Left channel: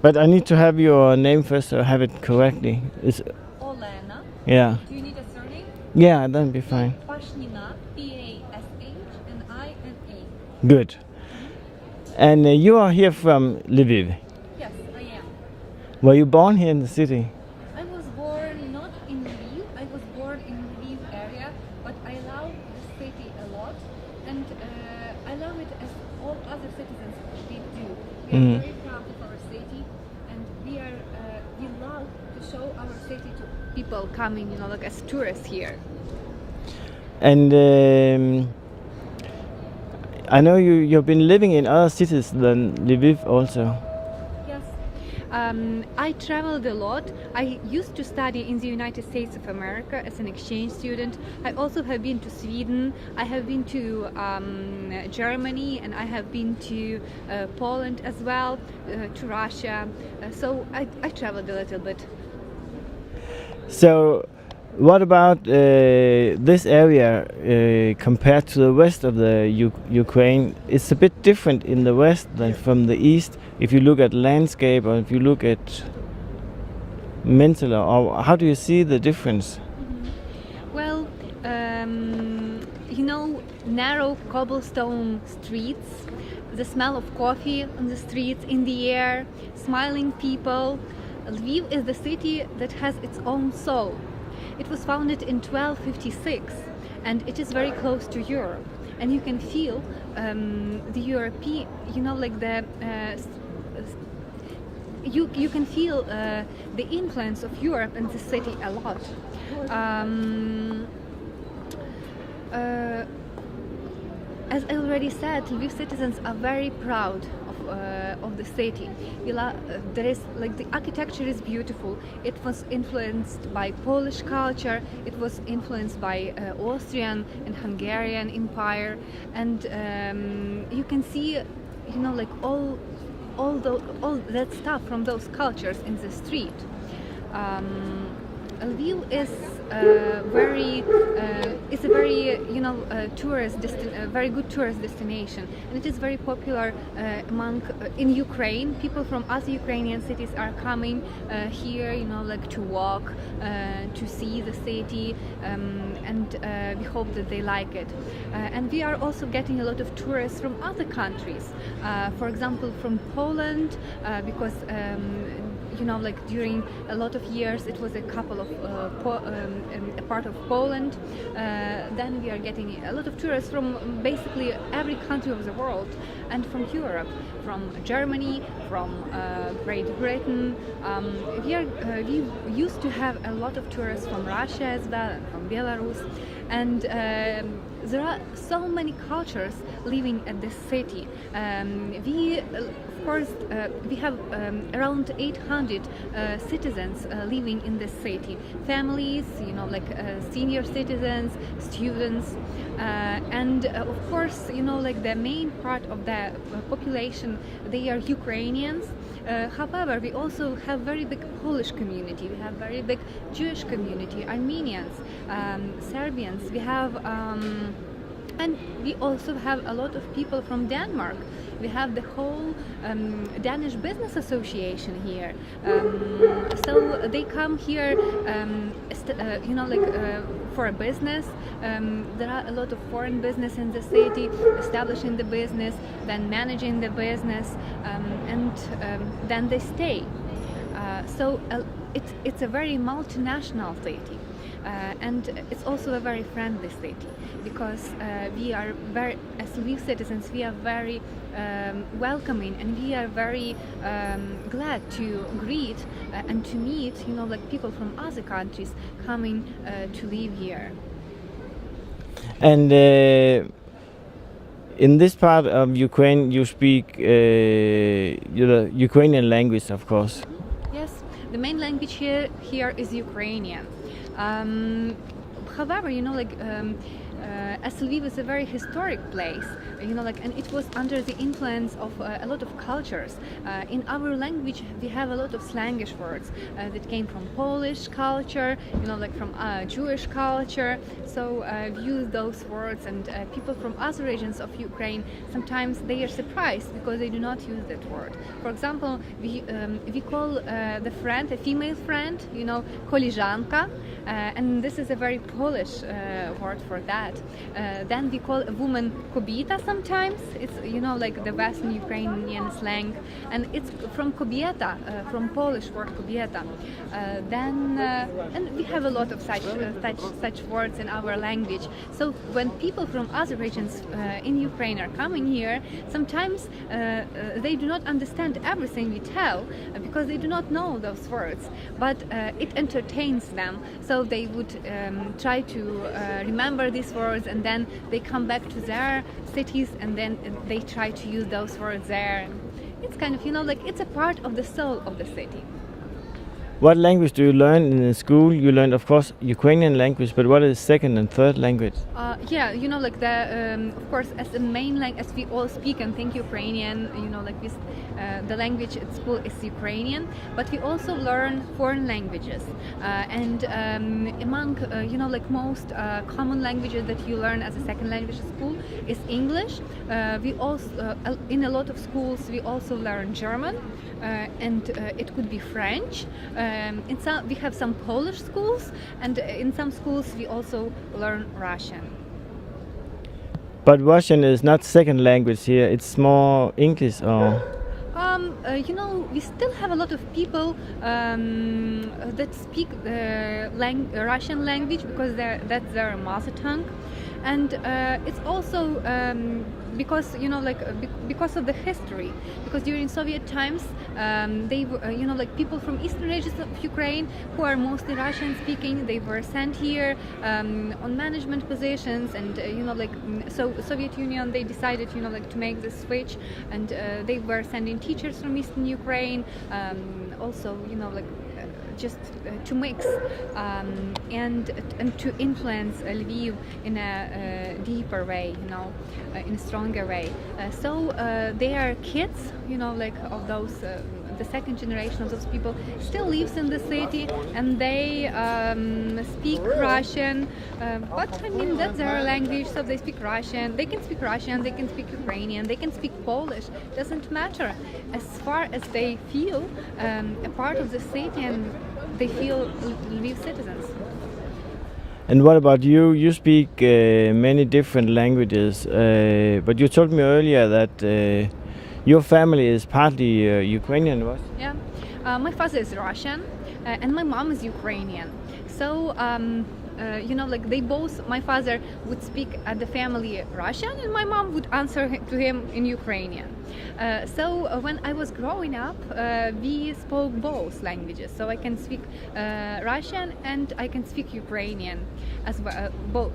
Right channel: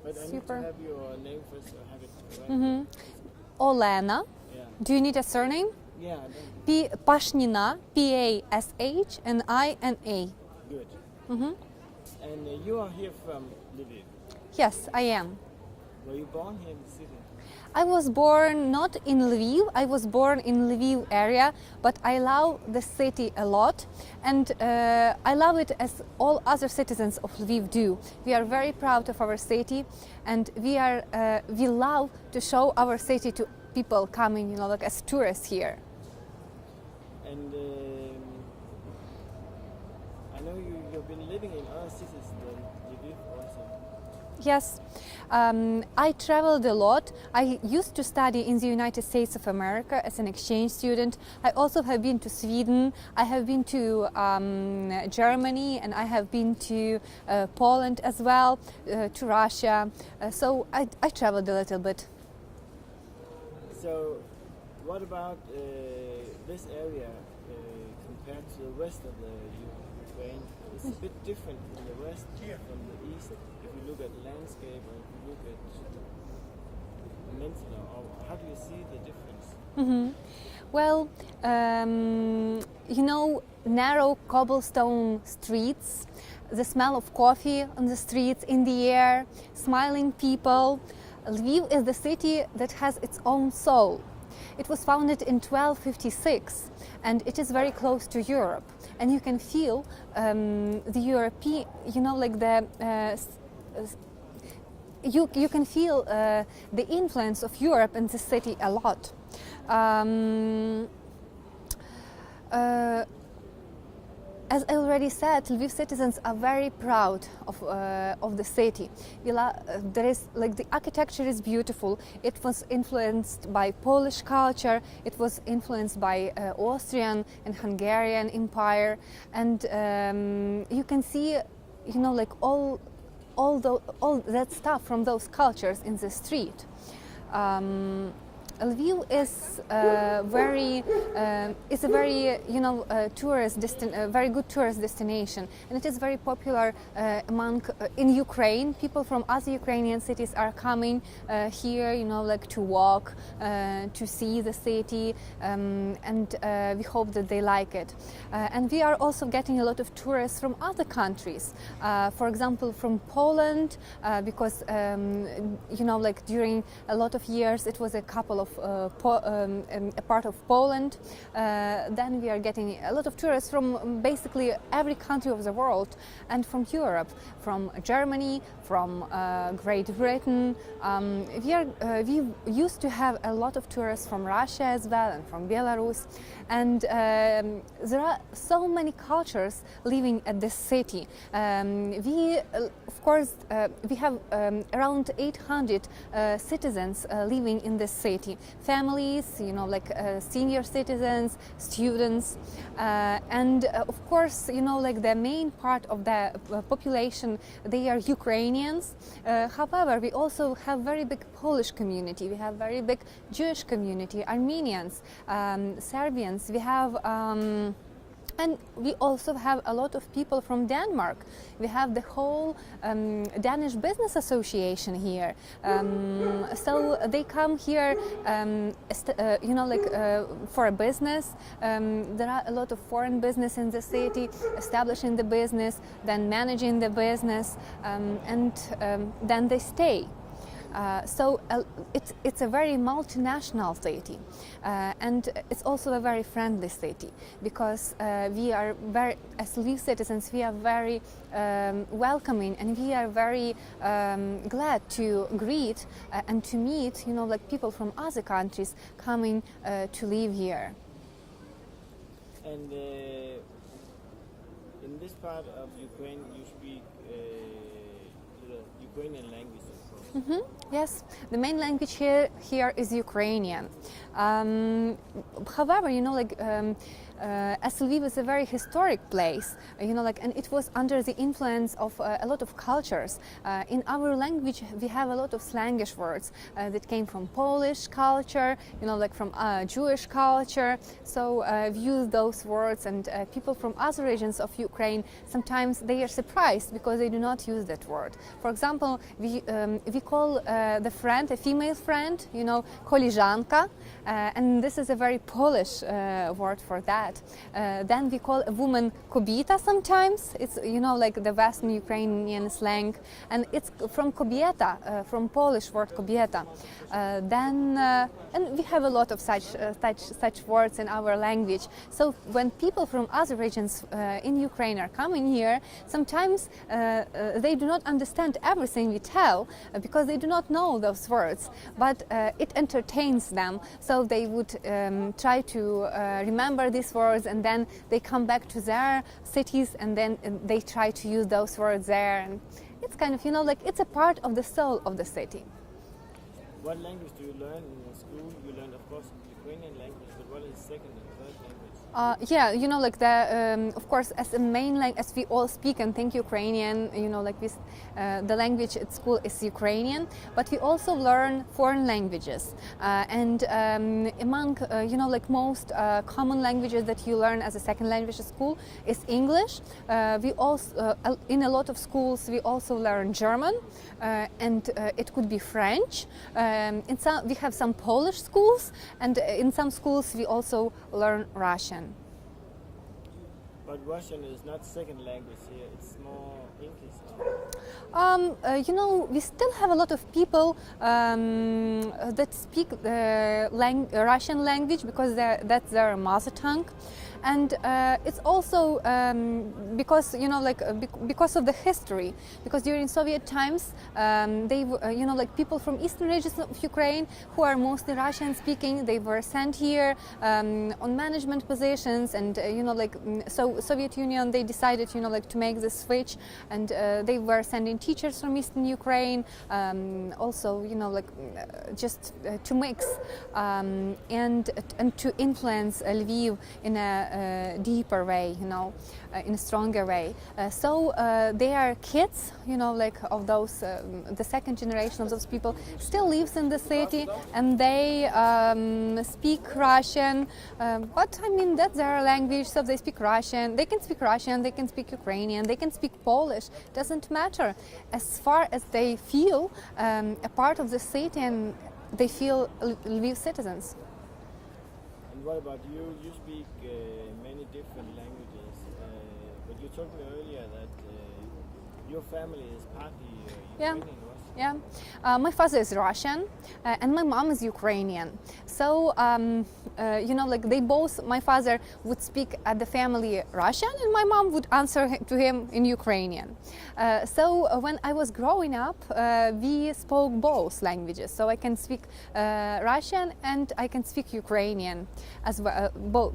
But I need to have your name first so I have it correctly. It's, Olena. yeah. Do you need a surname? Yeah, that'll be fine. Pashnina, P-A-S-H, and I-N-A. Good. And you are here from Lviv. Yes, I am. Were you born here in the city? I was born not in Lviv, I was born in Lviv area, but I love the city a lot, and I love it as all other citizens of Lviv do. We are very proud of our city, and we love to show our city to people coming, you know, like as tourists here. And I know you've been living in other cities than Lviv also. Yes. I traveled a lot. I used to study in the United States of America as an exchange student. I also have been to Sweden. I have been to Germany, and I have been to Poland as well, to Russia. So I traveled a little bit. So what about this area compared to the rest of the Ukraine? It's a bit different in the west than from the east. If you look at landscape or if you look at mental, or how do you see the difference? Well, you know, narrow cobblestone streets, the smell of coffee on the streets, in the air, smiling people. Lviv is the city that has its own soul. It was founded in 1256, and it is very close to Europe. And you can feel the European, you know, like the you can feel the influence of Europe in the city a lot. As I already said, Lviv citizens are very proud of the city. There is like the architecture is beautiful. It was influenced by Polish culture. It was influenced by Austrian and Hungarian Empire, and you can see, you know, like all that stuff from those cultures in the street. Lviv is a very you know very good tourist destination, and it is very popular among in Ukraine. People from other Ukrainian cities are coming here, you know, like to walk, to see the city, and we hope that they like it. And we are also getting a lot of tourists from other countries, for example from Poland, because you know, like during a lot of years it was a couple of a part of Poland. Then we are getting a lot of tourists from basically every country of the world, and from Europe, from Germany, from Great Britain. We used to have a lot of tourists from Russia as well, and from Belarus, and there are so many cultures living at this city. Of course, we have around 800 citizens living in this city. Families, you know, like senior citizens, students, and of course, you know, like the main part of the population, they are Ukrainians. However, we also have very big Polish community. We have very big Jewish community, Armenians, Serbians. We have. And we also have a lot of people from Denmark. We have the whole Danish Business Association here. So they come here, you know, like for a business. There are a lot of foreign business in the city, establishing the business, then managing the business, and then they stay. So it's a very multinational city. And it's also a very friendly city, because we are very, as Lviv citizens, we are very welcoming, and we are very glad to greet and to meet, you know, like people from other countries coming to live here. And in this part of Ukraine, you speak the Ukrainian language, of course. Mm-hmm. Yes, the main language here is Ukrainian. However, you know, like as Lviv is a very historic place, and it was under the influence of a lot of cultures. In our language, we have a lot of slangish words that came from Polish culture, from Jewish culture. So we use those words, and people from other regions of Ukraine, sometimes they are surprised because they do not use that word. For example, we call the friend, a female friend, koleżanka, and this is a very Polish word for that. Then we call a woman kobieta sometimes. It's like the Western Ukrainian slang, and it's from kobieta, from Polish word kobieta. And we have a lot of such words in our language. So when people from other regions in Ukraine are coming here, sometimes they do not understand everything we tell because they do not know those words, but it entertains them. So they would try to remember these words, and then they come back to their cities, and then they try to use those words there. It's kind of, it's a part of the soul of the city. What language do you learn in the school? You learn, of course, Ukrainian language, but what is second and third language? Of course, as a main language, as we all speak and think Ukrainian, the language at school is Ukrainian, but we also learn foreign languages. Among, most common languages that you learn as a second language at school is English. We also, in a lot of schools, we also learn German, and it could be French. We have some Polish schools, and in some schools we also learn Russian. But Russian is not second language here, it's more English or... We still have a lot of people that speak the Russian language because that's their mother tongue. And it's also because because of the history. Because during Soviet times, they were, people from eastern regions of Ukraine who are mostly Russian-speaking, they were sent here on management positions, and so Soviet Union, they decided to make this switch, and they were sending teachers from eastern Ukraine, also just to mix and to influence Lviv in a deeper way, in a stronger way. So they are kids, of those, the second generation of those people still lives in the city, and they speak Russian. But that's their language, so they speak Russian. They can speak Russian, they can speak Ukrainian, they can speak Polish. Doesn't matter, as far as they feel a part of the city and they feel Lviv citizens. And what about you? You speak many different languages, but you told me earlier that your family is partly Ukrainian, what? Yeah, my father is Russian and my mom is Ukrainian. So, they both, my father would speak at the family Russian and my mom would answer to him in Ukrainian. So when I was growing up, we spoke both languages. So I can speak Russian and I can speak Ukrainian as well,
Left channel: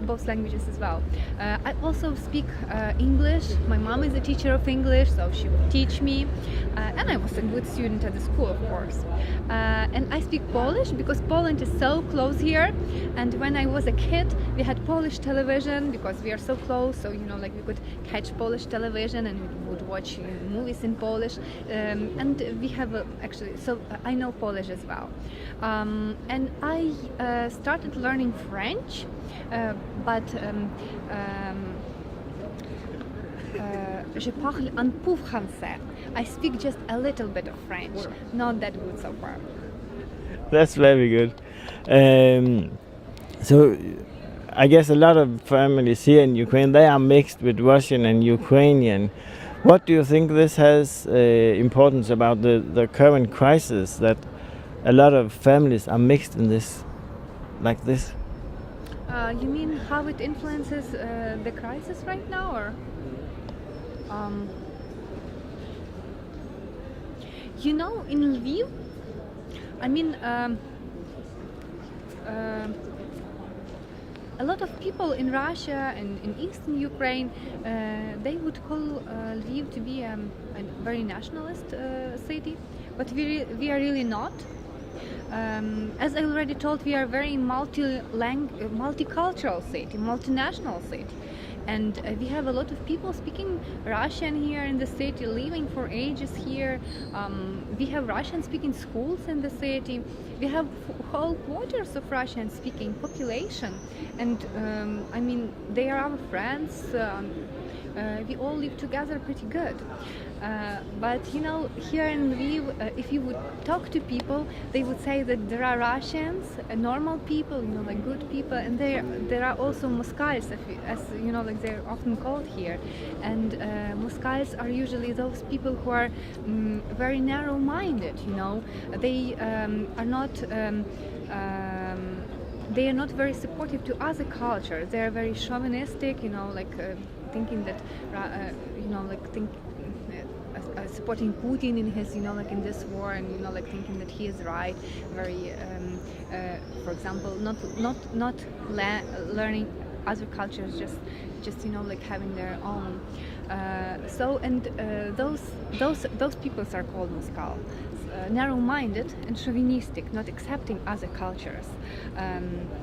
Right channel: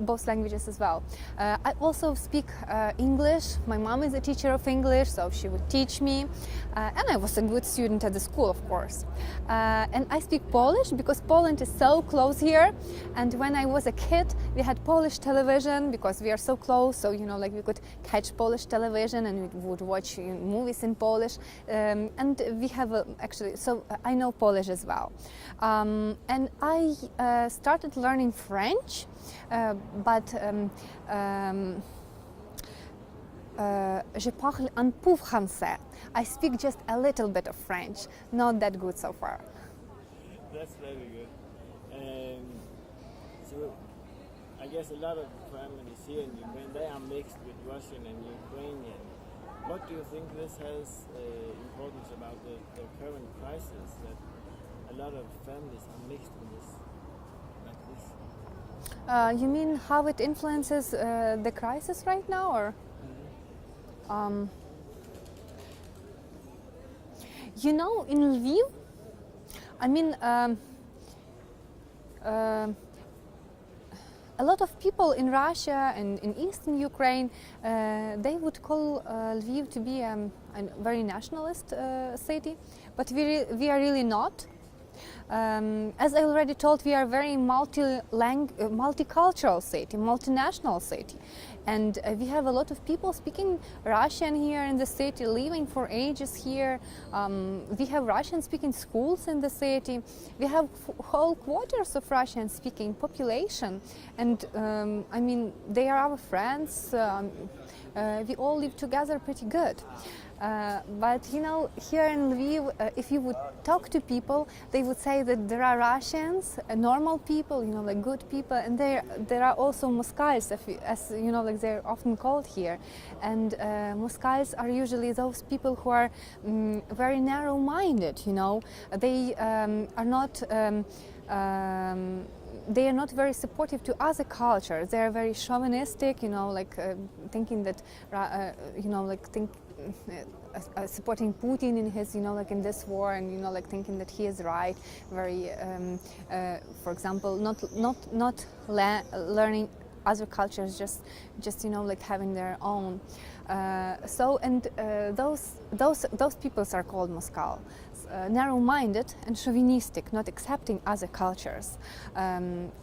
both languages as well. I also speak English. My mom is a teacher of English, so she would teach me. And I was a good student at the school, of course. And I speak Polish because Poland is so close here. And when I was a kid, we had Polish television because we are so close. So, we could catch Polish television and we would watch movies in Polish. And we have so I know Polish as well. And I started learning French, but je parle un peu français. I speak just a little bit of French, not that good so far. That's very good. So I guess a lot of families here in Ukraine, they are mixed with Russian and Ukrainian. What do you think this has importance about the current crisis, that a lot of families are mixed in this, like this? You mean how it influences the crisis right now, or? In Lviv, a lot of people in Russia and in eastern Ukraine, they would call Lviv to be a very nationalist city, but we are really not. As I already told, we are a very multicultural city, multinational city. And we have a lot of people speaking Russian here in the city, living for ages here. We have Russian-speaking schools in the city. We have whole quarters of Russian-speaking population. And I mean, they are our friends. We all live together pretty good. But you know, here in Lviv, if you would talk to people, they would say that there are Russians, normal people, you know, like good people, and there are also Moskals, as you know, like they're often called here. And Moskals are usually those people who are very narrow-minded. You know, they are not. They are not very supportive to other cultures. They are very chauvinistic, you know, like thinking that, you know, like supporting Putin in his, you know, like in this war, and you know, like thinking that he is right. Very, for example, not learning other cultures, just you know, like having their own. Those peoples are called Moskal. Narrow-minded and chauvinistic, not accepting other cultures,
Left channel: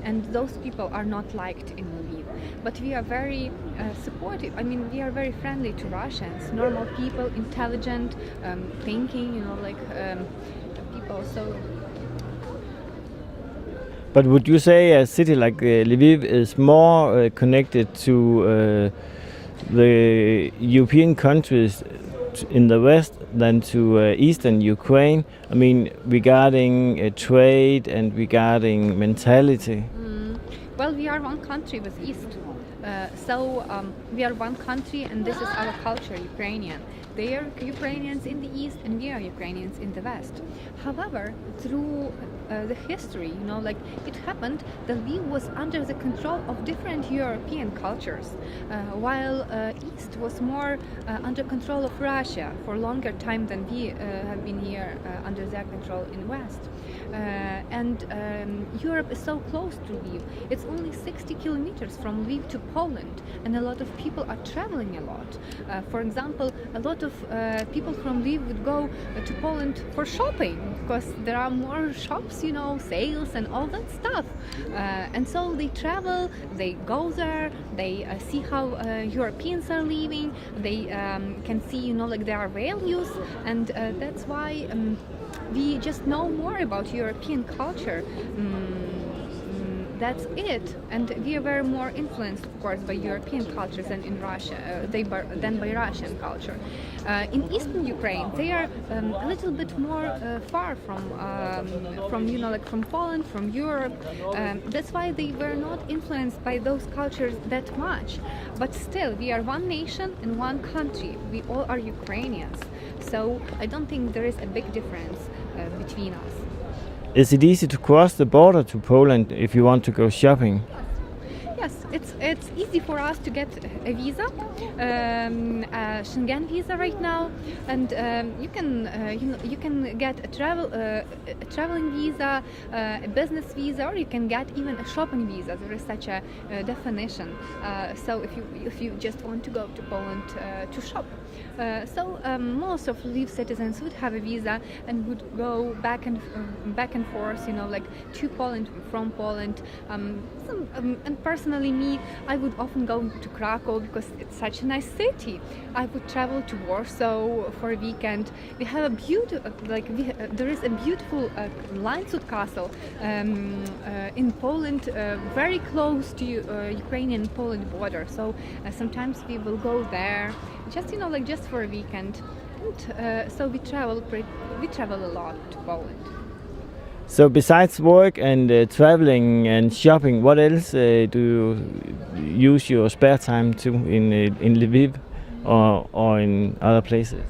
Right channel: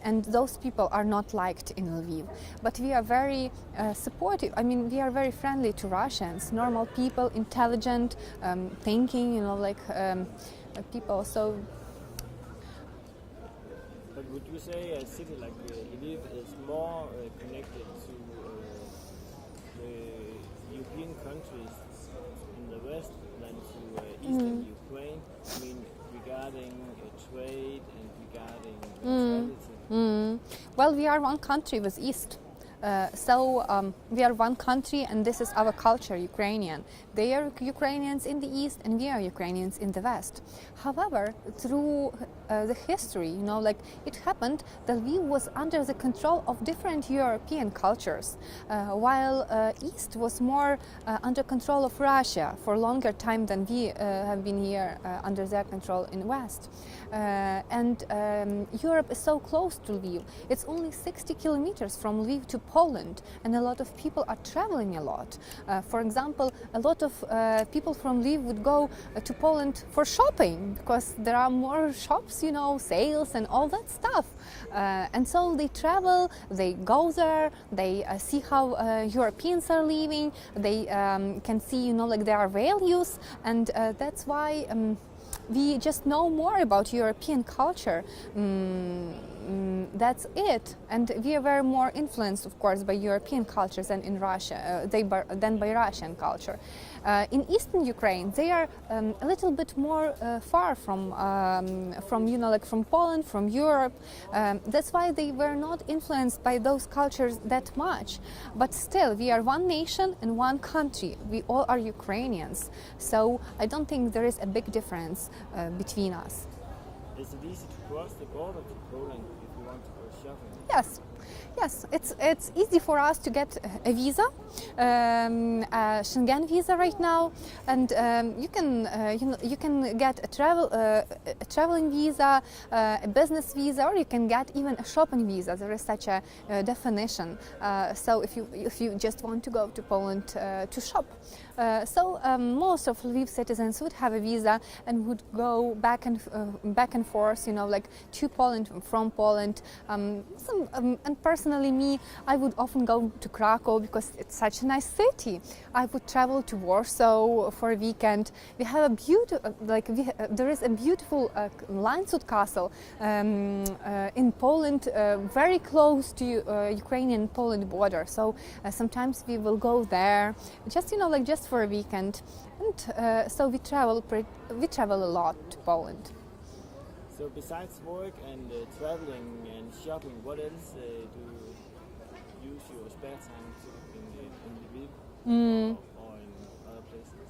and those people are not liked in Lviv. But we are very supportive. I mean, we are very friendly to Russians, normal people, intelligent, thinking, you know, like people. So. But would you say a city like Lviv is more connected to the European countries in the west than to eastern Ukraine? I mean, regarding trade and regarding mentality. Well, we are one country with East. We are one country, and this is our culture, Ukrainian. They are Ukrainians in the East, and we are Ukrainians in the West. However, through the history, you know, like it happened that Lviv was under the control of different European cultures, while East was more under control of Russia for a longer time than we have been here under their control in West. And Europe is so close to Lviv. It's only 60 kilometers from Lviv to Poland, and a lot of people are traveling a lot. For example, a lot of people from Lviv would go to Poland for shopping because there are more shops, you know, sales and all that stuff. And so they travel, they go there, they see how Europeans are living, they can see, you know, like their values, and that's why we just know more about European culture. That's it, and we are very more influenced, of course, by European cultures than in Russia, than by Russian culture. In eastern Ukraine, they are a little bit more far from you know, like from Poland, from Europe. That's why they were not influenced by those cultures that much. But still, we are one nation and one country. We all are Ukrainians, so I don't think there is a big difference between us. Is it easy to cross the border to Poland if you want to go shopping? Yes, it's easy for us to get a visa, a Schengen visa right now, and you can get a traveling visa, a business visa, or you can get even a shopping visa. There is such a definition. So if you just want to go to Poland to shop. Most of Lviv citizens would have a visa and would go back and forth, you know, like to Poland, from Poland. And personally, me, I would often go to Krakow because it's such a nice city. I would travel to Warsaw for a weekend. We have a there is a beautiful Landshut castle in Poland, very close to Ukrainian-Poland border. So sometimes we will go there, just, you know, like just for a weekend. And so we travel a lot to Poland. So besides work and traveling and shopping, what else do you use your spare time to in Lviv or in other places?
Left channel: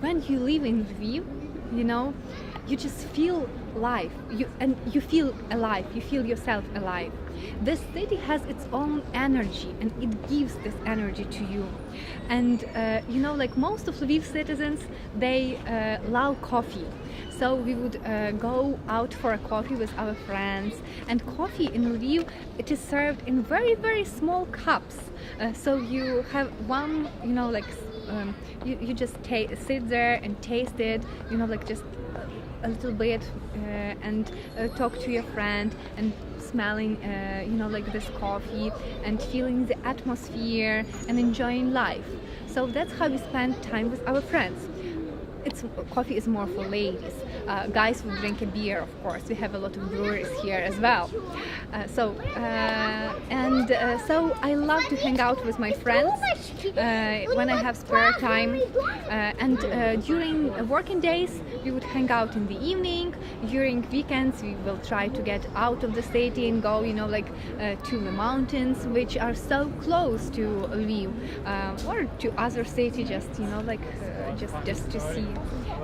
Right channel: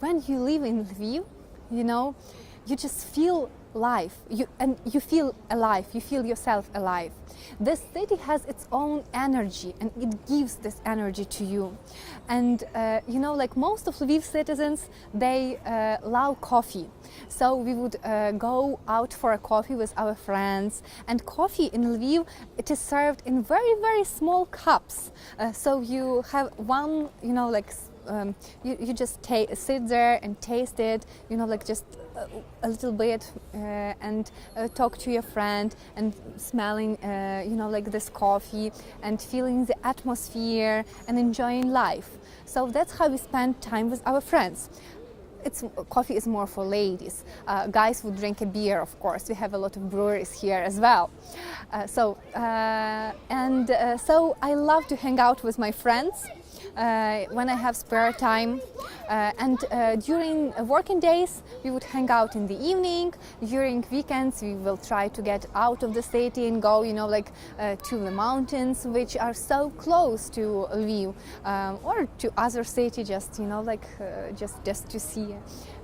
When you live in Lviv, you know, you just feel life. You feel alive. You feel yourself alive. This city has its own energy, and it gives this energy to you. And you know, like most of Lviv citizens, they love coffee. So we would go out for a coffee with our friends, and coffee in Lviv, it is served in very, very small cups. So you have one, you know, like you just sit there and taste it, you know, like just a little bit and talk to your friend and smelling like this coffee and feeling the atmosphere and enjoying life. So that's how we spend time with our friends. Coffee is more for ladies. Guys would drink a beer, of course. We have a lot of breweries here as well. So I love to hang out with my friends when I have spare time. And during working days, we would hang out in the evening. During weekends, we will try to get out of the city and go, to the mountains, which are so close to Lviv, or to other city, just to see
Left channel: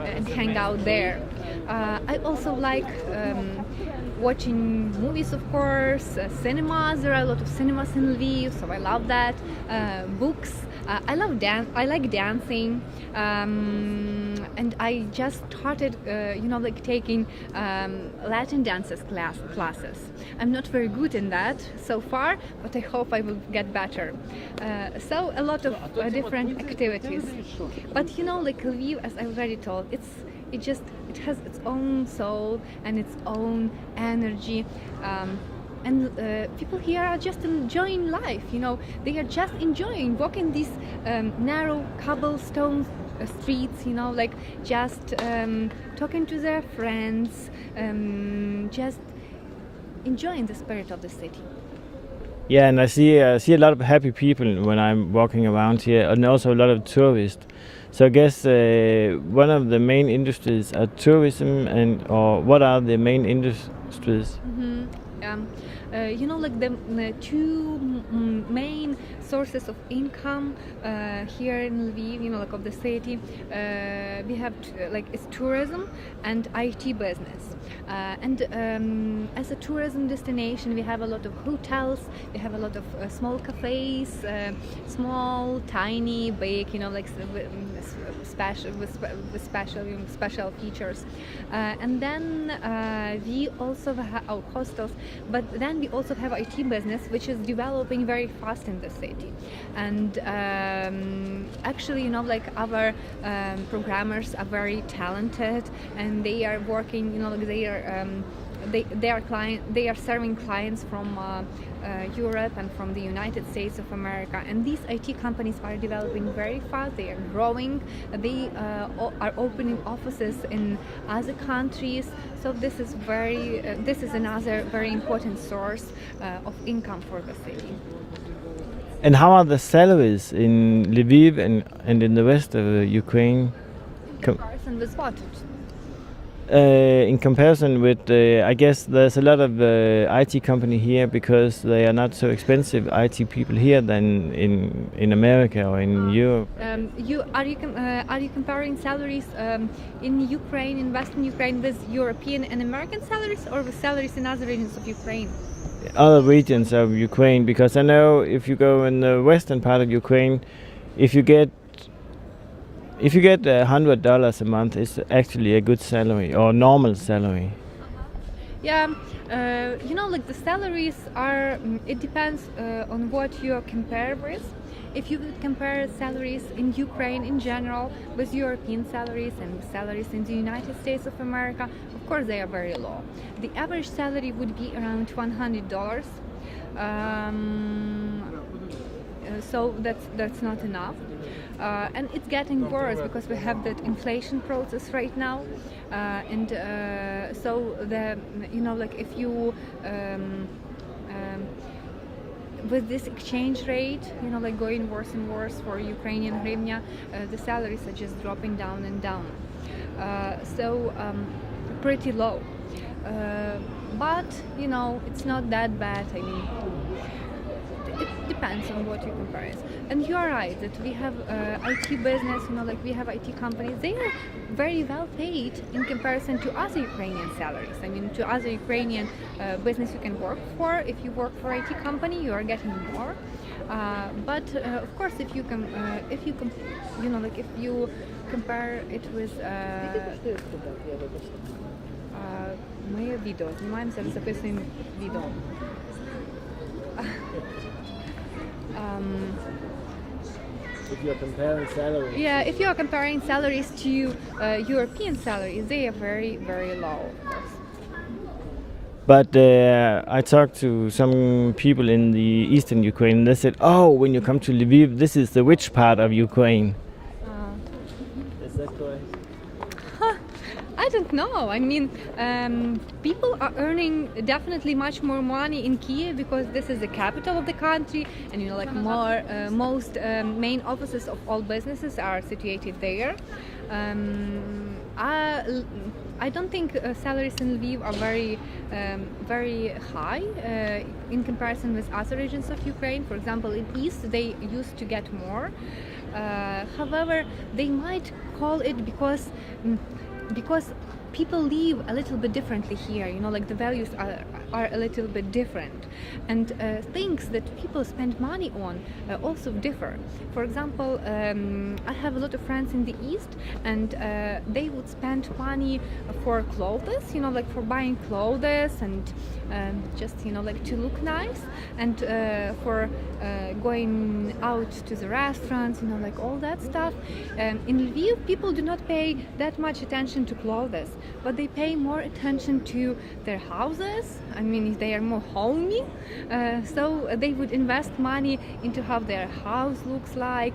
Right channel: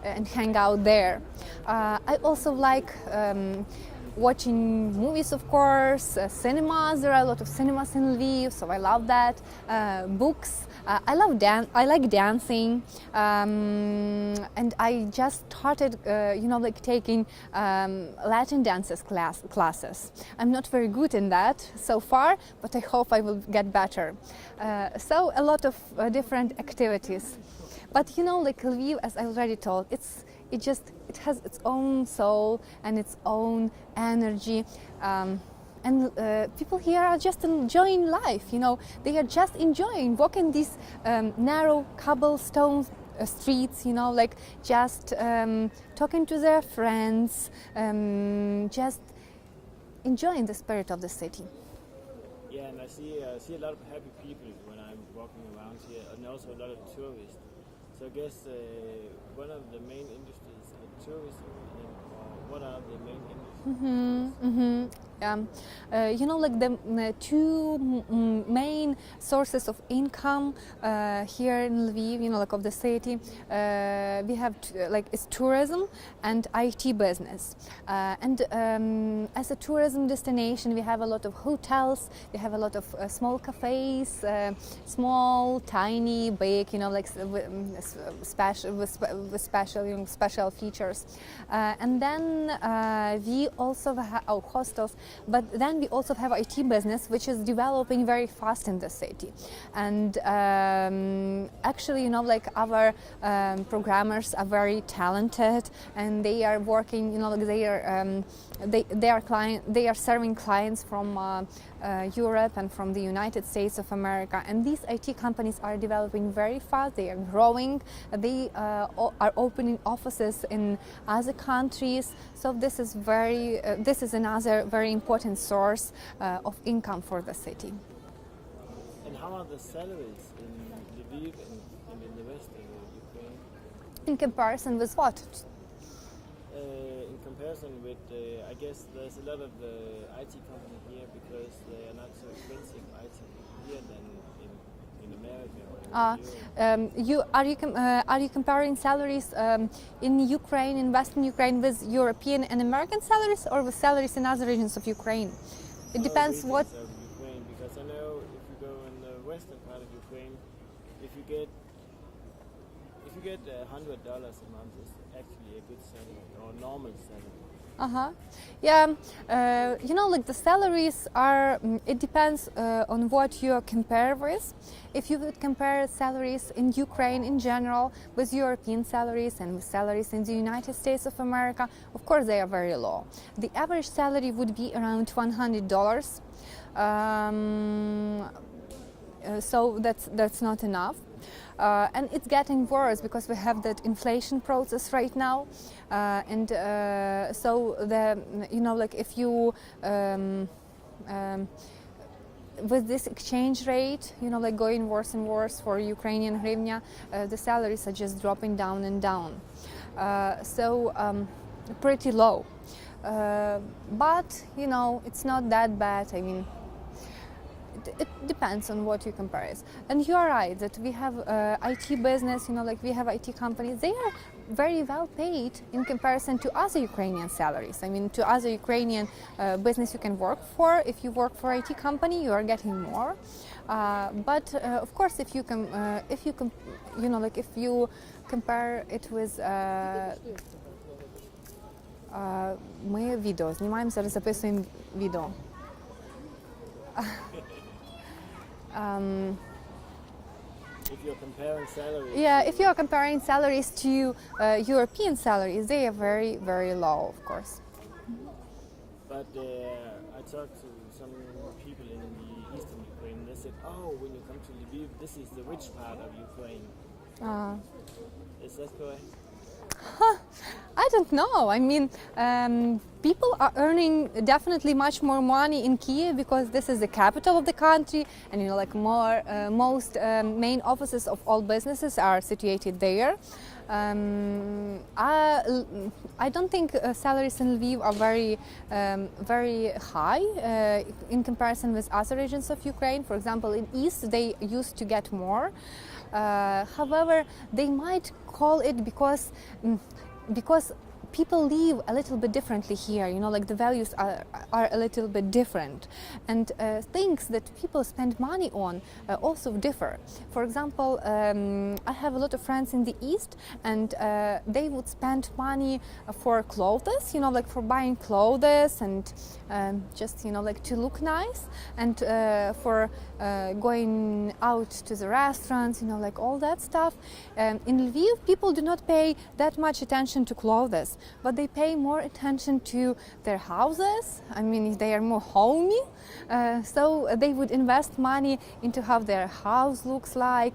and hang out there. I also like watching movies, of course, cinemas. There are a lot of cinemas in Lviv, so I love that. Books. I like dancing, and I just started, taking Latin dances classes. I'm not very good in that so far, but I hope I will get better. So a lot of different activities. But Lviv, as I already told, it has its own soul and its own energy. And people here are just enjoying life, they are just enjoying walking these narrow cobblestone streets, just talking to their friends, just enjoying the spirit of the city. Yeah, and I see a lot of happy people when I'm walking around here, and also a lot of tourists. So I guess one of the main industries are tourism, or what are the main industries? Mm-hmm. The two main sources of income here in Lviv, of the city, we have it's tourism and IT business. And as a tourism destination, we have a lot of hotels, we have a lot of small cafes, small, tiny, big, special features. And then we also have hostels, but then we also have IT business, which is developing very fast in the city. And actually, our programmers are very talented, and they are working, they are serving clients from Europe and from the United States of America. And these IT companies are developing very fast. They are growing. They are opening offices in other countries. So this is another very important source of income for the city. And how are the salaries in Lviv and in the rest of Ukraine? In comparison with what? In comparison with, I guess there's a lot of IT company here because they are not so expensive IT people here than in America or in Europe. Are you comparing salaries in Ukraine, in Western Ukraine, with European and American salaries, or with salaries in other regions of Ukraine? Other regions of Ukraine, because I know if you go in the western part of Ukraine, if you get $100 a month, it's actually a good salary or normal salary. Yeah, the salaries are. It depends on what you compare with. If you would compare salaries in Ukraine in general with European salaries and salaries in the United States of America, of course they are very low. The average salary would be around $100. So that's not enough. And it's getting worse because we have that inflation process right now, so if you with this exchange rate, going worse and worse for Ukrainian hryvnia, the salaries are just dropping down and down. Pretty low. But it's not that bad. I mean, it depends on what you compare. And you are right that we have IT business, we have IT companies. They are very well paid in comparison to other Ukrainian salaries. I mean, to other Ukrainian business you can work for. If you work for IT company, you are getting more. But of course, if you compare it with моє відео. Знімаємо зараз, записуємо відео. If you're comparing salaries. Yeah, if you're comparing salaries to European salaries, they are very, very low, of course. But I talked to some people in the eastern Ukraine, and they said, "Oh, when you come to Lviv, this is the rich part of Ukraine." Is that correct? I don't know. I mean, people are earning definitely much more money in Kiev because this is the capital of the country, and like most main offices of all businesses are situated there. I don't think salaries in Lviv are very high in comparison with other regions of Ukraine. For example, in East they used to get more. However, they might call it because people live a little bit differently here, like the values are a little bit different, and things that people spend money on also differ. For example, I have a lot of friends in the East, and they would spend money for clothes, like for buying clothes and just like to look nice, and for going out to the restaurants, like all that stuff. In Lviv, people do not pay that much attention to clothes, but they pay more attention to their houses. I mean, they are more homey, so they would invest money into how their house looks like,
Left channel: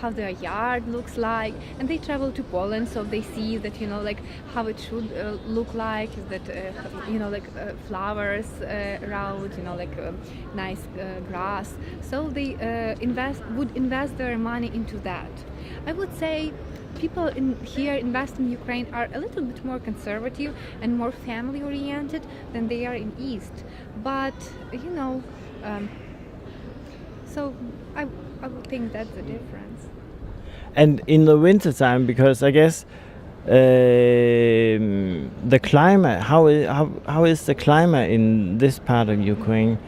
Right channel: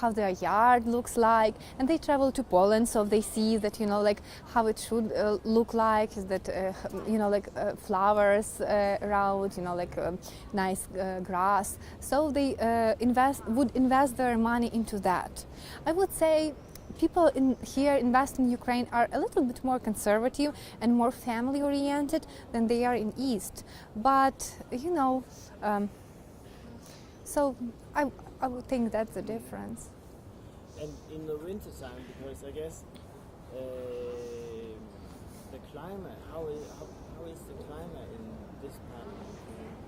how their yard looks like, and they travel to Poland, so they see that like how it should look like, that like flowers around, like nice grass. So they would invest their money into that. I would say people here invest in Ukraine are a little bit more conservative and more family oriented than they are in East. But so I would think that's the difference. And in the winter time, because I guess the climate, how is the climate in this part of Ukraine?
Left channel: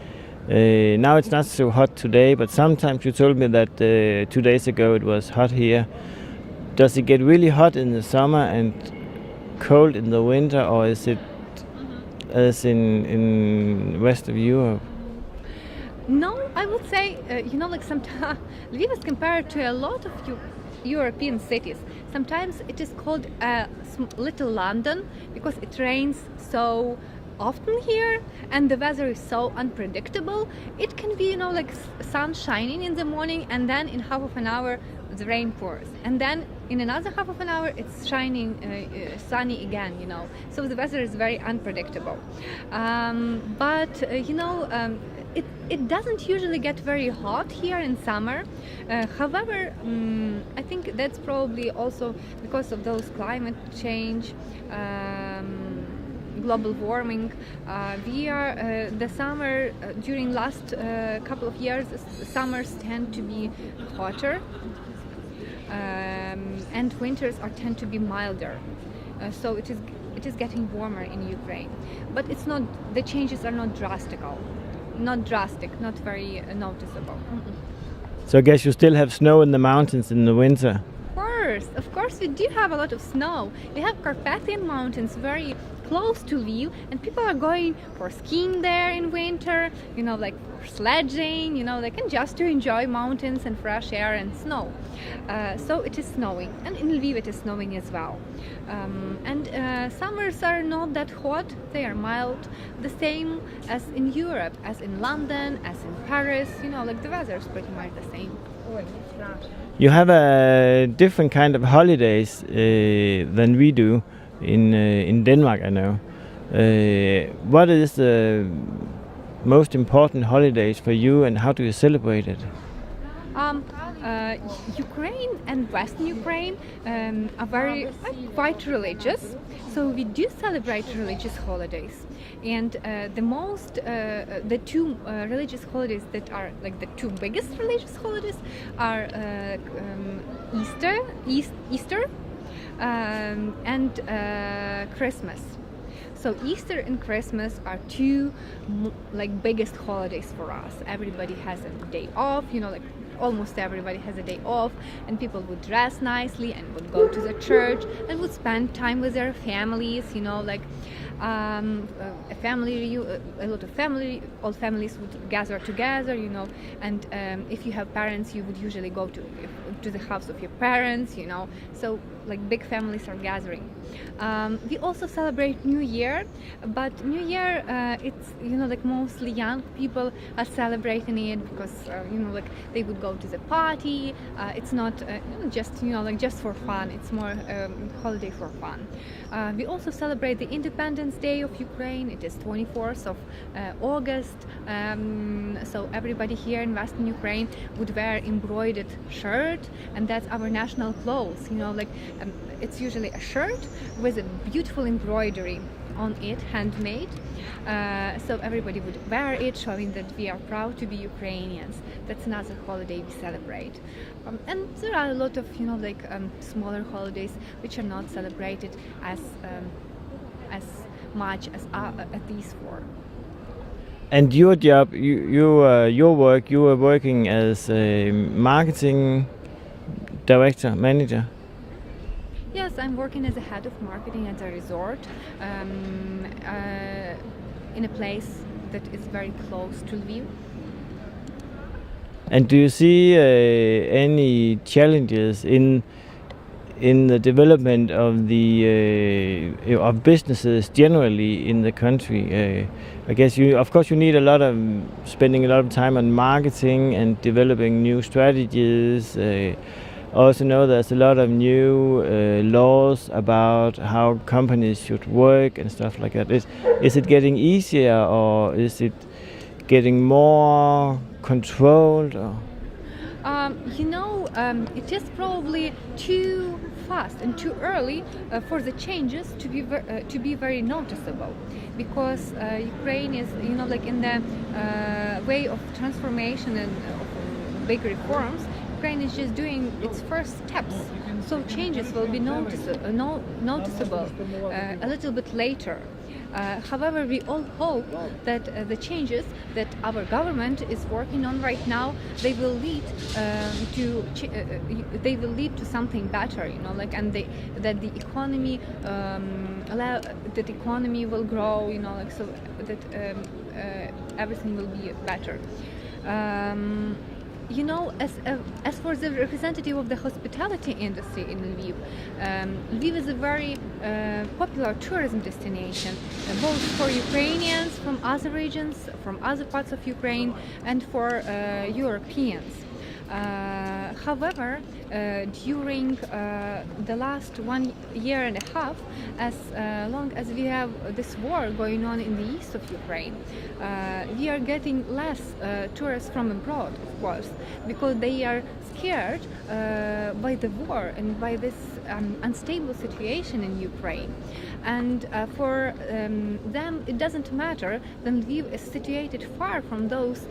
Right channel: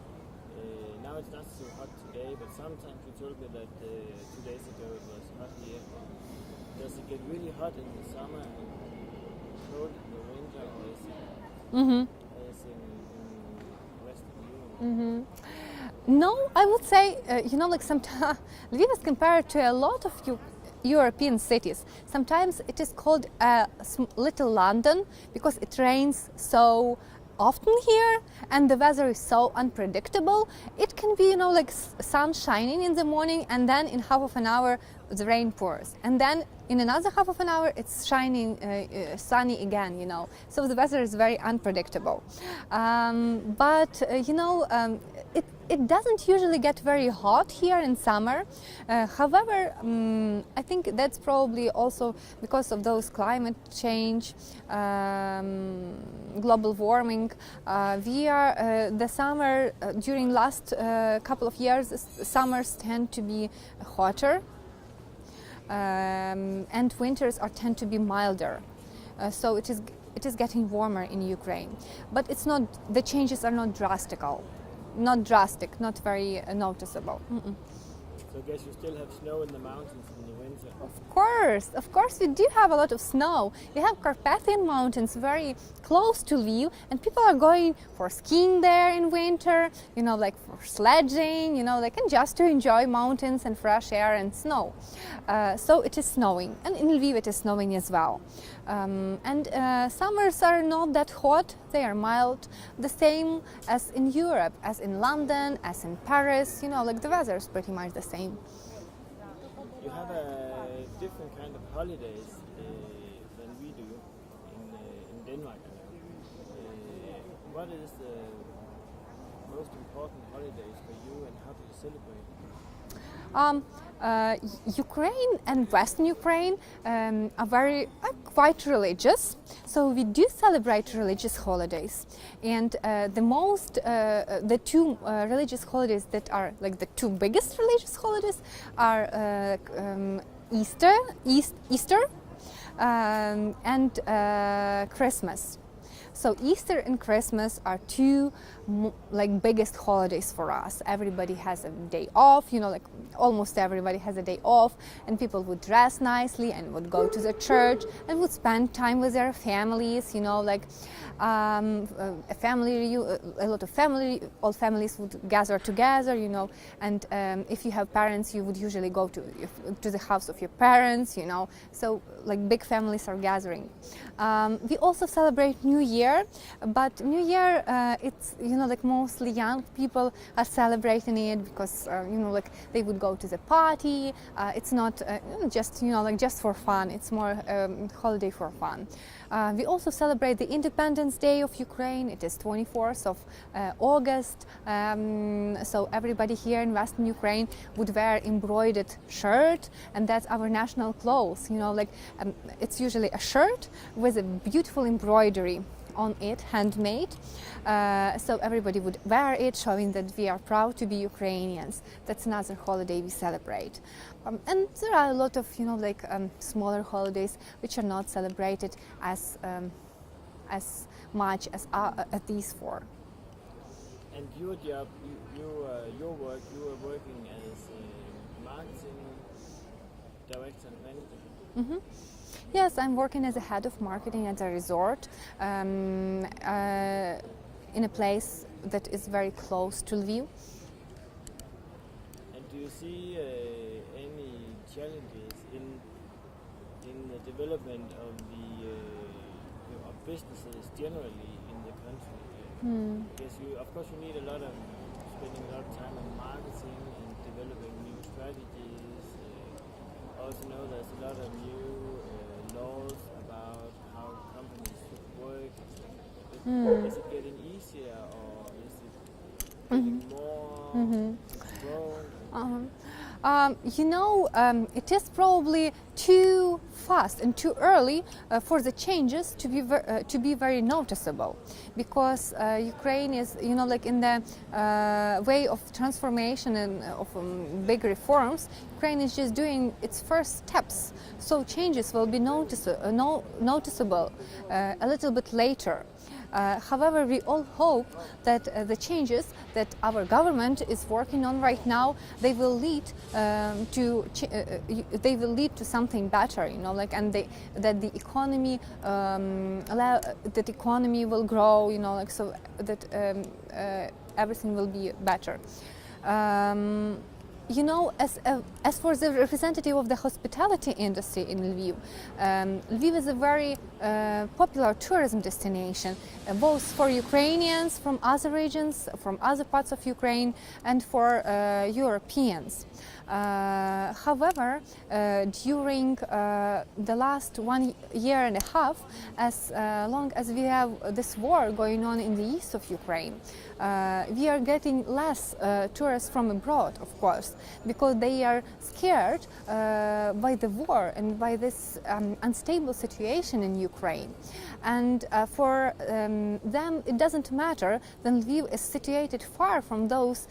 Now it's not so hot today, but sometimes you told me that 2 days ago it was hot here. Does it get really hot in the summer and cold in the winter, or is it as in rest of Europe? No, I would say, like sometimes Lviv is compared to a lot of European cities. Sometimes it is called Little London because it rains so often here and the weather is so unpredictable. It can be, like sun shining in the morning, and then in half of an hour the rain pours, and then in another half of an hour it's shining sunny again, so the weather is very unpredictable. But it doesn't usually get very hot here in summer. However, I think that's probably also because of those climate change, global warming. The summer during last couple of years, summers tend to be hotter, and winters tend to be milder. So it is getting warmer in Ukraine, but it's not. The changes are not drastic, not very noticeable. So I guess you still have snow in the mountains in the winter. Of course, we do have a lot of snow. We have Carpathian Mountains very close to Lviv, and people are going for skiing there in winter, like for sledging, like and just to enjoy mountains and fresh air and snow. So it is snowing, and in Lviv it is snowing as well. And summers are not that hot, they are mild, the same as in Europe, as in London, as in Paris, like the weather is pretty much the same. You have a different kind of holidays than we do in Denmark, I know. What is the most important holidays for you, and how do you celebrate it? Ukraine and Western Ukraine are quite religious, so we do celebrate religious holidays. And the two religious holidays that are like the two biggest religious holidays are Easter and Christmas. So Easter and Christmas are two biggest holidays for us. Everybody has a day off, almost everybody has a day off, and people would dress nicely and would go to the church and would spend time with their families, A family, a lot of all families would gather together, you know, and if you have parents, you would usually go to the house of your parents, you know, so like big families are gathering. We also celebrate New Year, but New Year, it's, you know, like mostly young people are celebrating it because, you know, like they would go to the party. It's not just, you know, like just for fun. It's more holiday for fun. We also celebrate the Independence Day of Ukraine. It is 24th of August. So everybody here in Western Ukraine would wear embroidered shirt, and that's our national clothes. You know, like it's usually a shirt with a beautiful embroidery on it, handmade. So everybody would wear it, showing that we are proud to be Ukrainians. That's another holiday we celebrate. And there are a lot of, you know, like smaller holidays which are not celebrated as much as these four. And your job, your work, you were working as a marketing director, manager. Mm-hmm. Yes, I'm working as a head of marketing at a resort in a place that is very close to Lviv. And do you see any challenges in the development of the of businesses generally in the country? I guess of course, you need spending a lot of time on marketing and developing new strategies. I also know there's a lot of new laws about how companies should work and stuff like that. Is it getting easier, or is it getting more controlled? You know, it is probably too fast and too early for the changes to be very noticeable, because Ukraine is, you know, like in the way of transformation and of big reforms. Ukraine is just doing its first steps, so changes will be noticeable a little bit later. However, we all hope that the changes that our government is working on right now, they will lead to something better, you know, like, and that the economy that economy will grow, you know, like, so that everything will be better. You know, as for the representative of the hospitality industry in Lviv, Lviv is a very popular tourism destination, both for Ukrainians from other regions, from other parts of Ukraine, and for Europeans. However, during the last 1 year and a half, as long as we have this war going on in the east of Ukraine, we are getting less tourists from abroad, of course, because they are scared by the war and by this unstable situation in Ukraine. And for them, it doesn't matter that Lviv is situated far from those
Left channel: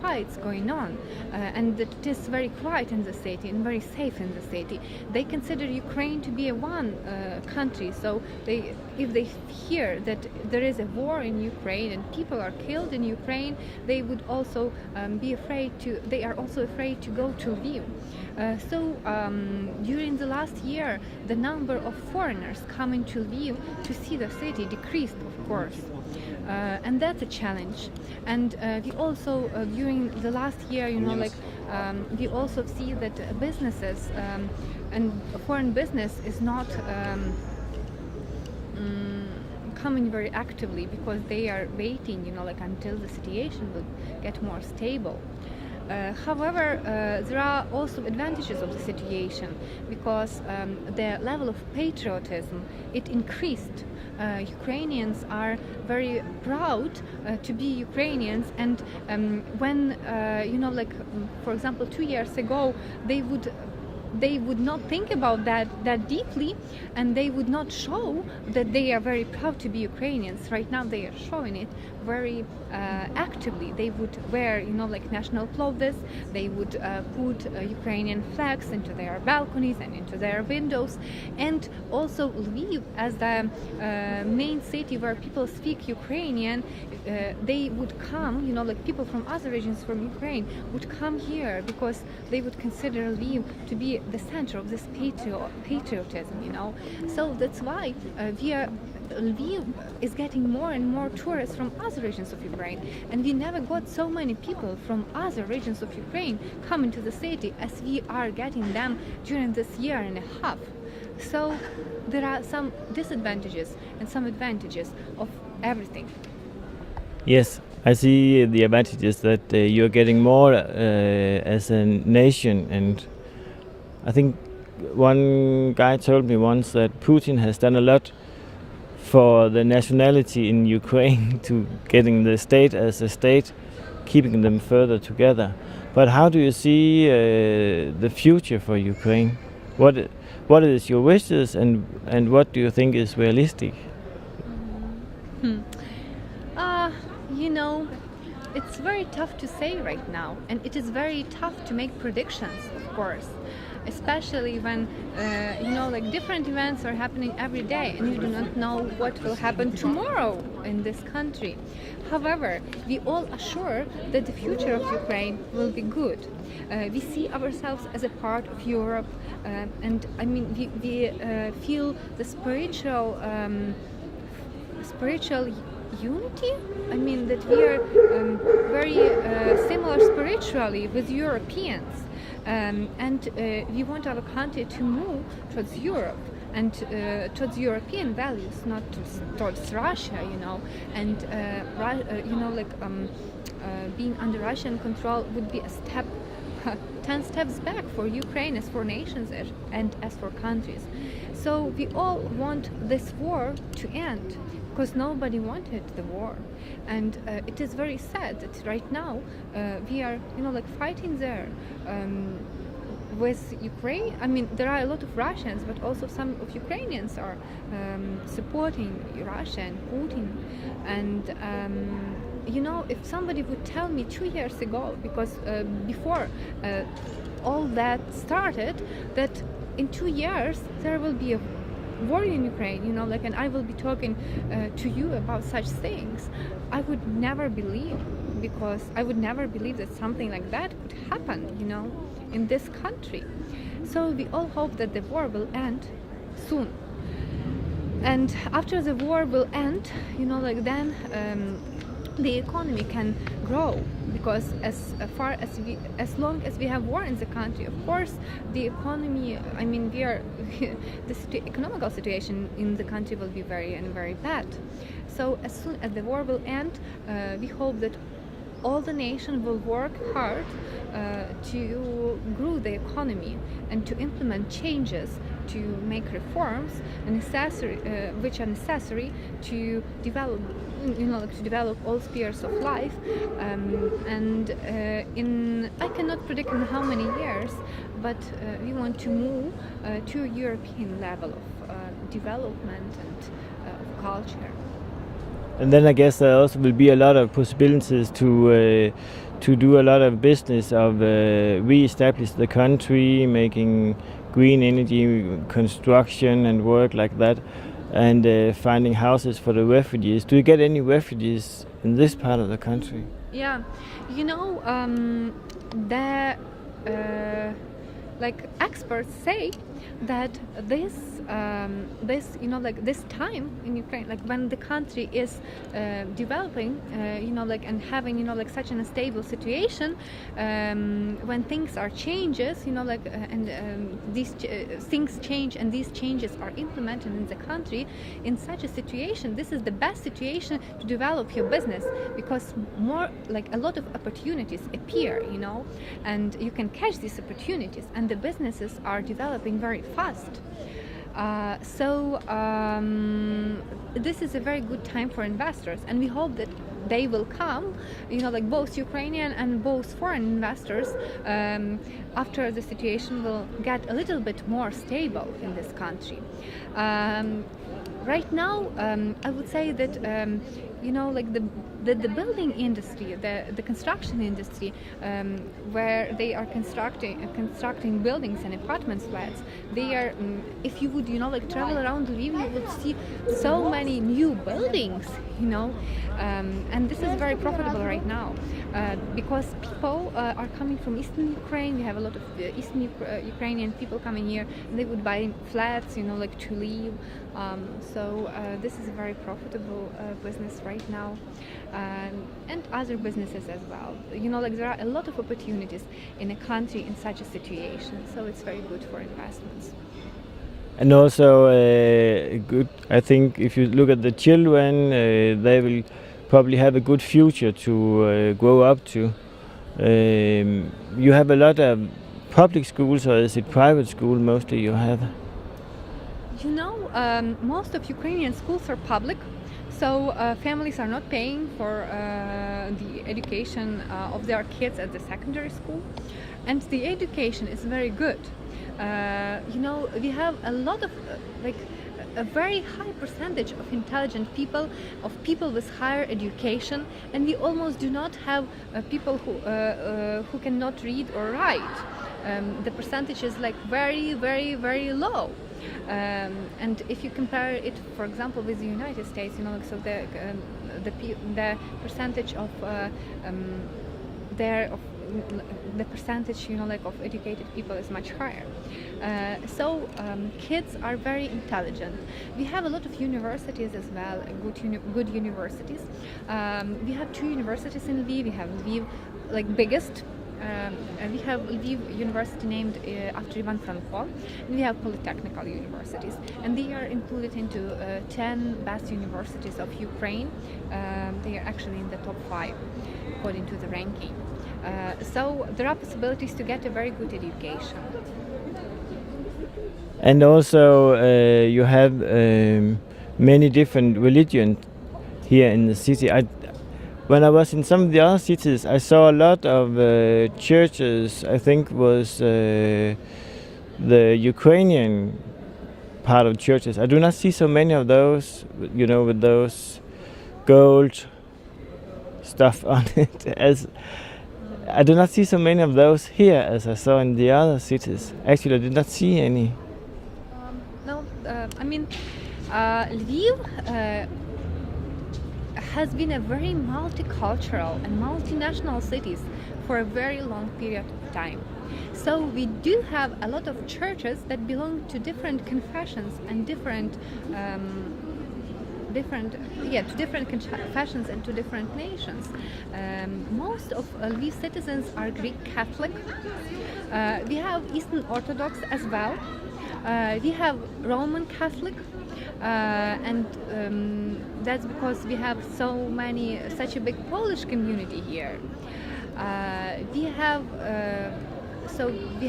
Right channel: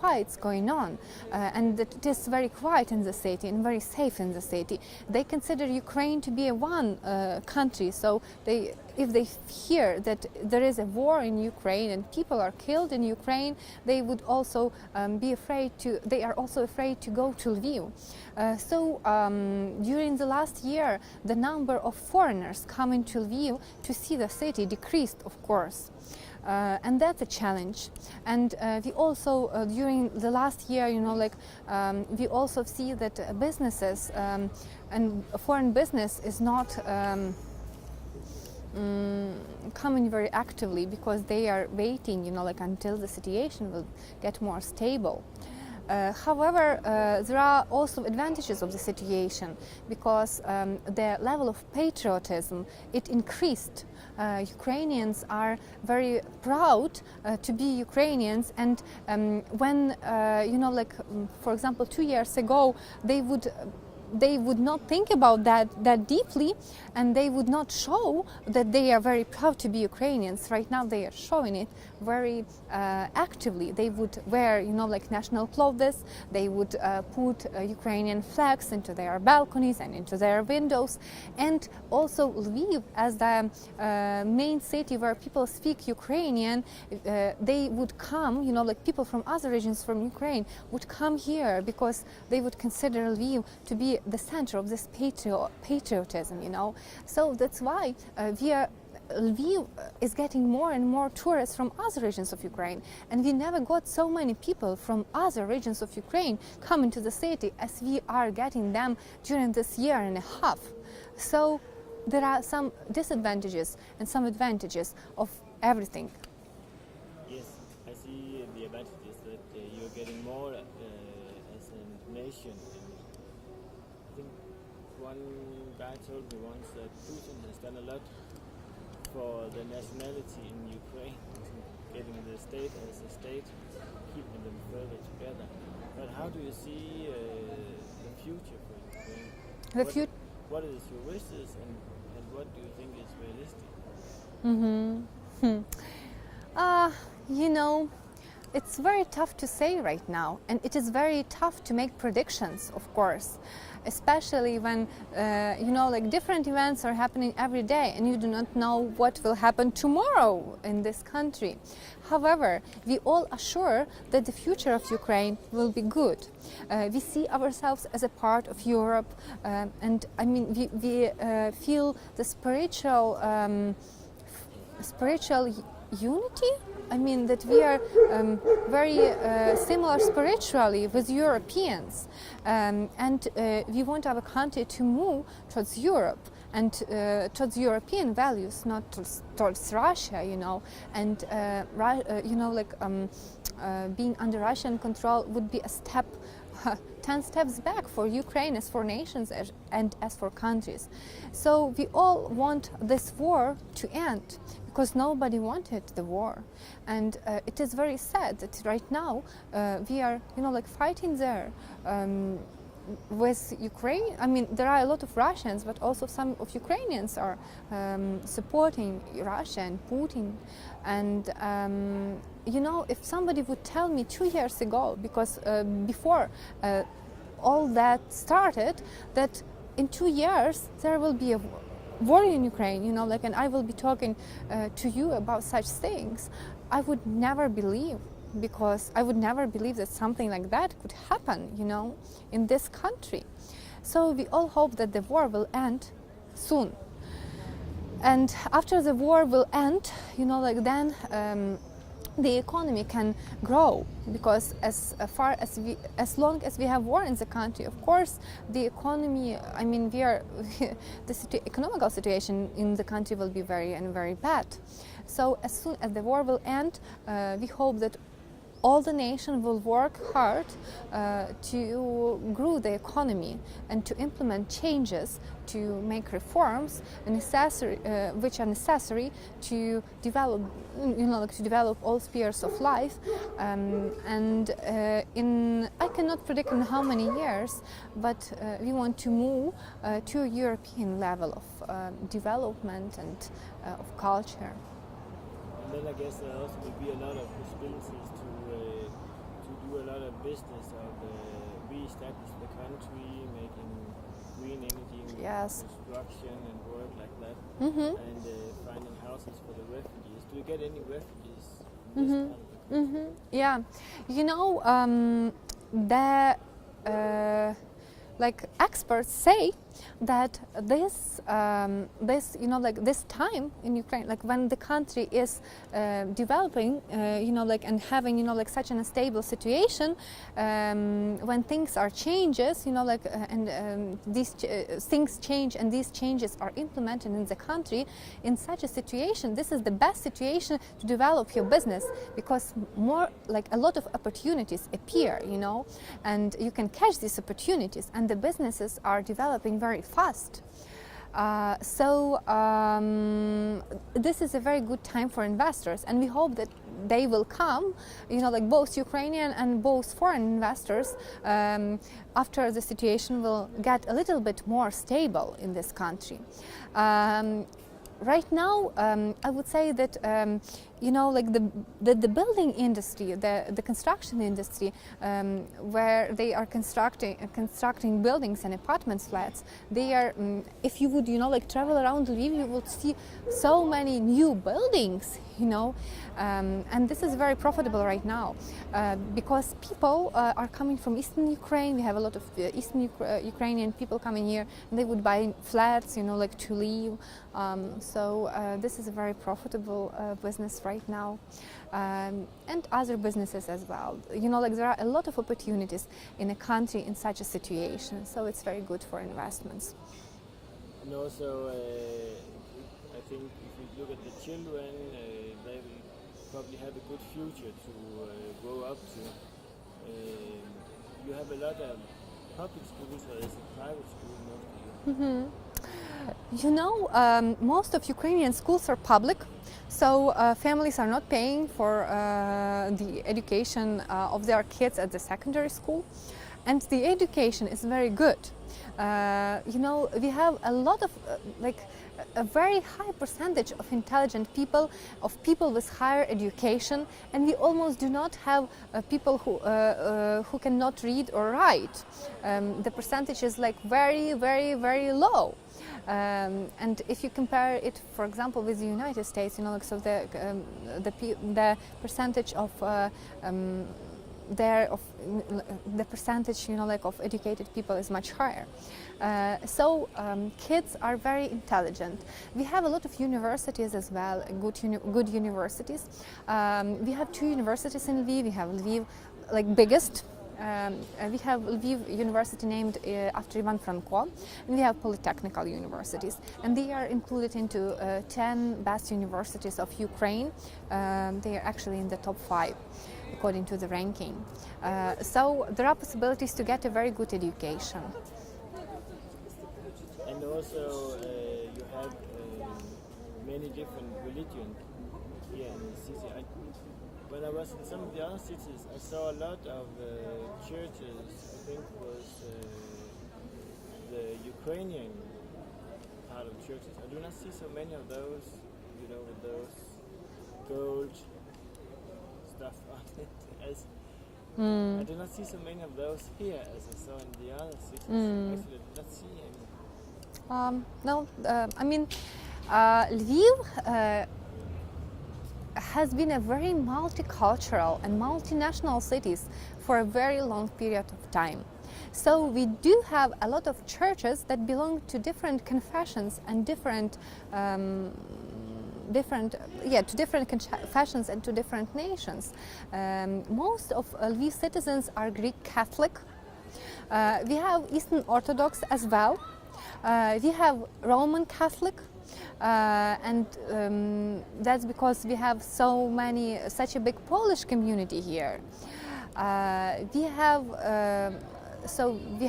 fights going on, and that it is very quiet in the city and very safe in the city. They consider Ukraine to be a one country, so if they hear that there is a war in Ukraine and people are killed in Ukraine, they would also they are also afraid to go to Lviv. So during the last year, the number of foreigners coming to Lviv to see the city decreased, of course. And that's a challenge. And we also, during the last year, you know, like, we also see that businesses and foreign business is not coming very actively, because they are waiting, you know, like, until the situation will get more stable. However, there are also advantages of the situation, because the level of patriotism, it increased. Ukrainians are very proud to be Ukrainians, and when you know, like, for example, 2 years ago, they would not think about that deeply, and they would not show that they are very proud to be Ukrainians. Right now, they are showing it very actively. They would wear, you know, like, national clothes. They would put Ukrainian flags into their balconies and into their windows. And also Lviv, as the main city where people speak Ukrainian, they would come, you know, like, people from other regions from Ukraine would come here, because they would consider Lviv to be the center of this patriotism, you know. So that's why Lviv is getting more and more tourists from other regions of Ukraine, and we never got so many people from other regions of Ukraine coming to the city as we are getting them during this year and a half. So there are some disadvantages and some advantages of everything. Yes, I see the advantages that you're getting more as a nation, and I think one guy told me once that Putin has done a lot for the nationality in Ukraine to getting the state as a state, keeping them further together. But how do you see the future for Ukraine? What is your wishes, and what do you think is realistic? You know, it's very tough to say right now, and it is very tough to make predictions, of course, especially when like different events are happening every day and you do not know what will happen tomorrow in this country. However, we all are sure that the future of Ukraine will be good. We see ourselves as a part of Europe, and I mean we feel the spiritual unity. I mean that we are very similar spiritually with Europeans, and we want our country to move towards Europe and towards European values, not towards Russia, and being under Russian control would be a step 10 steps back for Ukraine as for nations and as for countries. So we all want this war to end, because nobody wanted the war, and it is very sad that right now we are fighting there with Ukraine. I mean, there are a lot of Russians, but also some of Ukrainians are supporting Russia and Putin. And if somebody would tell me 2 years ago, because before all that started, that in 2 years there will be a war in Ukraine, and I will be talking to you about such things, I would never believe, because I would never believe that something like that could happen, in this country. So we all hope that the war will end soon. And after the war will end, then the economy can grow, because as long as we have war in the country, of course the economy, I mean the economical situation in the country will be very bad. So as soon as the war will end, we hope that all the nation will work hard to grow the economy and to implement changes, to make reforms which are necessary to develop all spheres of life, I cannot predict in how many years, but we want to move to a European level of development and of culture. And then I guess there also will be a lot of possibilities to do a lot of business of re-establish the country, making green energy, Yes. construction and work like that, and finding houses for the refugees. Do you get any refugees in this part of the country? Yeah, experts say that this time in Ukraine, when the country is developing, and having such an unstable situation, when things are changes, these things change and these changes are implemented in the country, in such a situation, this is the best situation to develop your business, because a lot of opportunities appear, and you can catch these opportunities, and the businesses are developing very fast. This is a very good time for investors, and we hope that they will come, both Ukrainian and both foreign investors, after the situation will get a little bit more stable in this country. Right now, I would say that you know, like the building industry, the construction industry, where they are constructing buildings and apartment flats. They are, if you would, you know, like travel around Lviv, you would see so many new buildings, you know, and this is very profitable right now because people are coming from Eastern Ukraine. We have a lot of Eastern Ukrainian people coming here, and they would buy flats, you know, like to live. So this is a very profitable business right now, and other businesses as well. You know, like there are a lot of opportunities in a country in such a situation, so it's very good for investments. And also good, I think if you look at the children, they will probably have a good future to grow up to. You have a lot of public schools, or is it private school mostly you have? You know, most of Ukrainian schools are public, so families are not paying for the education of their kids at the secondary school, and the education is very good. You know, we have a lot of like a very high percentage of intelligent people, of people with higher education, and we almost do not have people who cannot read or write. The percentage is like very, very, very low. And if you compare it, for example, with the United States, you know, so the percentage of the percentage, you know, like of educated people is much higher. So kids are very intelligent. We have a lot of universities as well, good universities. We have 2 universities in Lviv. We have Lviv, like biggest. We have Lviv University named after Ivan Franko, and we have polytechnical universities, and they are included into 10 best universities of Ukraine. They are actually in the top 5 according to the ranking. So there are possibilities to get a very good education. And also you have many different religions here in the city. When I was in some of the other cities, I saw a lot of churches. I think was the Ukrainian part of churches. I do not see so many of those, you know, with those gold stuff on it. I do not see so many of those here as I saw in the other cities. Actually, I did not see any. No, I mean, Lviv has been a very multicultural and multinational city for a very long period of time. So we do have a lot of churches that belong to different confessions and different confessions and to different nations. Most of Lviv citizens are Greek Catholic. We have Eastern Orthodox as well. We have Roman Catholic. And that's because we have such a big Polish community here. We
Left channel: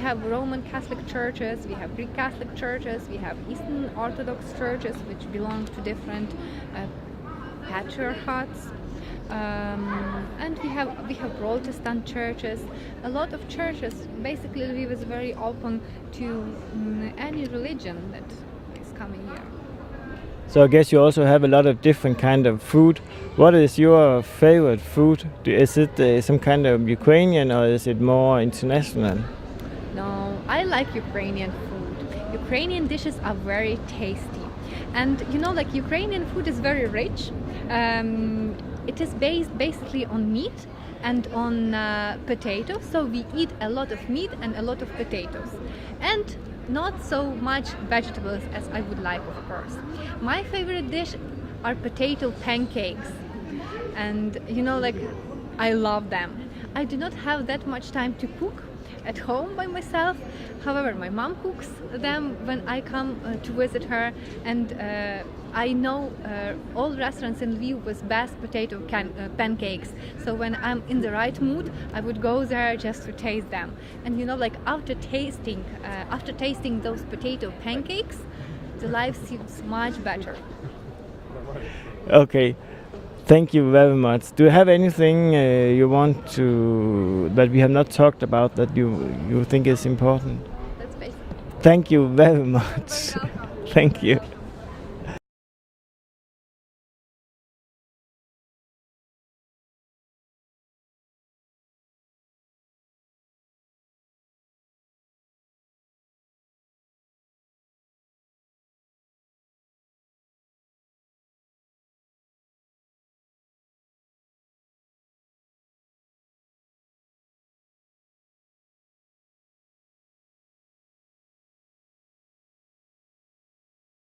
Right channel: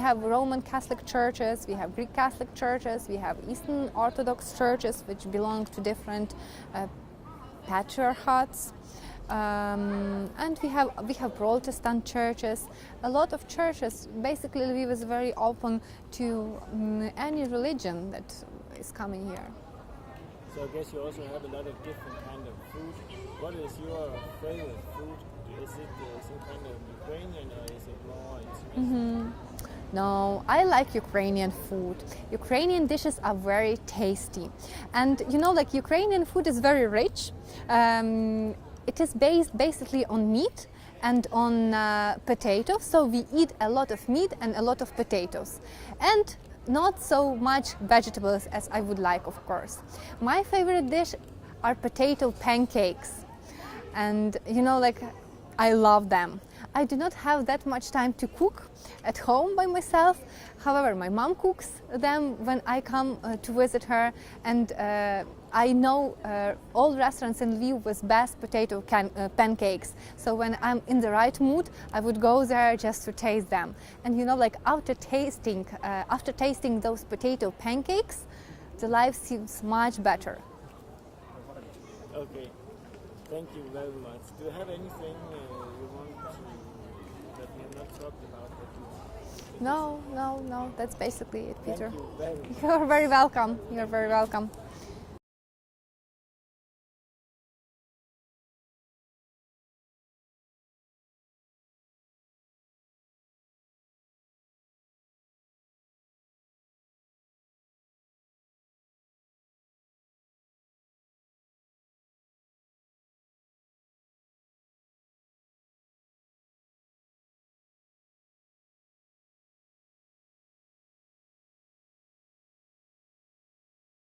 have Roman Catholic churches, we have Greek Catholic churches, we have Eastern Orthodox churches, which belong to different patriarchats, and we have Protestant churches. A lot of churches. Basically, Lviv is very open to any religion that is coming here. So I guess you also have a lot of different kind of food. What is your favorite food? Is it some kind of Ukrainian, or is it more international? No, I like Ukrainian food. Ukrainian dishes are very tasty. And you know, like Ukrainian food is very rich. It is based basically on meat and on potatoes. So we eat a lot of meat and a lot of potatoes. And not so much vegetables as I would like, of course. My favorite dish are potato pancakes, and you know, like I love them. I do not have that much time to cook at home by myself. However, my mom cooks them when I come to visit her, and I know all restaurants in Lviv with best potato pancakes. So when I'm in the right mood, I would go there just to taste them. And you know, like after tasting those potato pancakes, the life seems much better. Okay, thank you very much. Do you have anything you want to that we have not talked about that you think is important? No, that's basically it. Thank you very much. You're very welcome. Thank You're very you. welcome.